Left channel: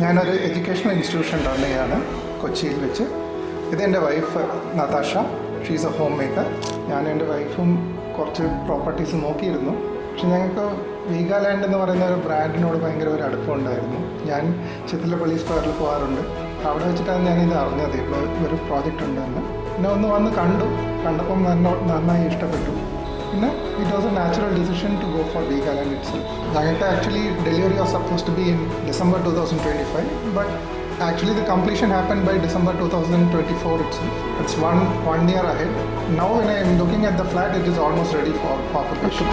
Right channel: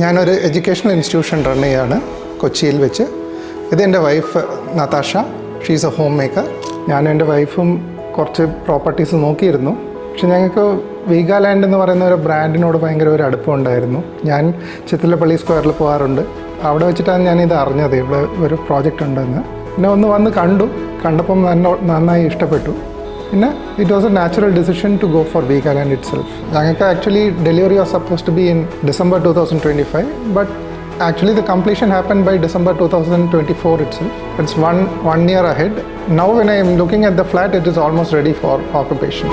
ഞാനൊരു educational institution run ചെയ്യാണ് കൊച്ചിയിൽ വെച്ച്. ഇതെൻ്റെ wife Natasha, she's a homemaker. ഞാനും എൻ്റെ വൈഫും കുറച്ച് പ്രോപ്പർട്ടീസ് നോക്കിയിരുന്നു. പക്ഷെ ഞങ്ങൾക്ക് വീഗാലാൻഡ് എന്ന് പറയുന്ന ഒരു ബ്രാൻഡിനോട് ഭയങ്കര ഒരു അടുപ്പമുണ്ടായിരുന്നു. ഞാൻ ചിത്തിലപ്പള്ളി സ്ക്വയറിൽ പോകാറുണ്ട്. അവിടെ വെച്ചിട്ടാണ് ഞാനിത് അറിഞ്ഞത്, ഇവിടെ ഒരു പ്രോജക്റ്റ് ഉണ്ടെന്ന്. പിന്നെ വന്ന് കണ്ടപ്പം നന്നായി ഇഷ്ടപ്പെട്ടു. പിന്നെ it was a natural decision to go for Veegaland itself. ഞങ്ങൾക്ക് actually delivery was suppose to be in December 2025, but actually the completion happened by December 2024 itself. It's one year ahead. Now when I am looking at the flat, it is almost ready for occupation.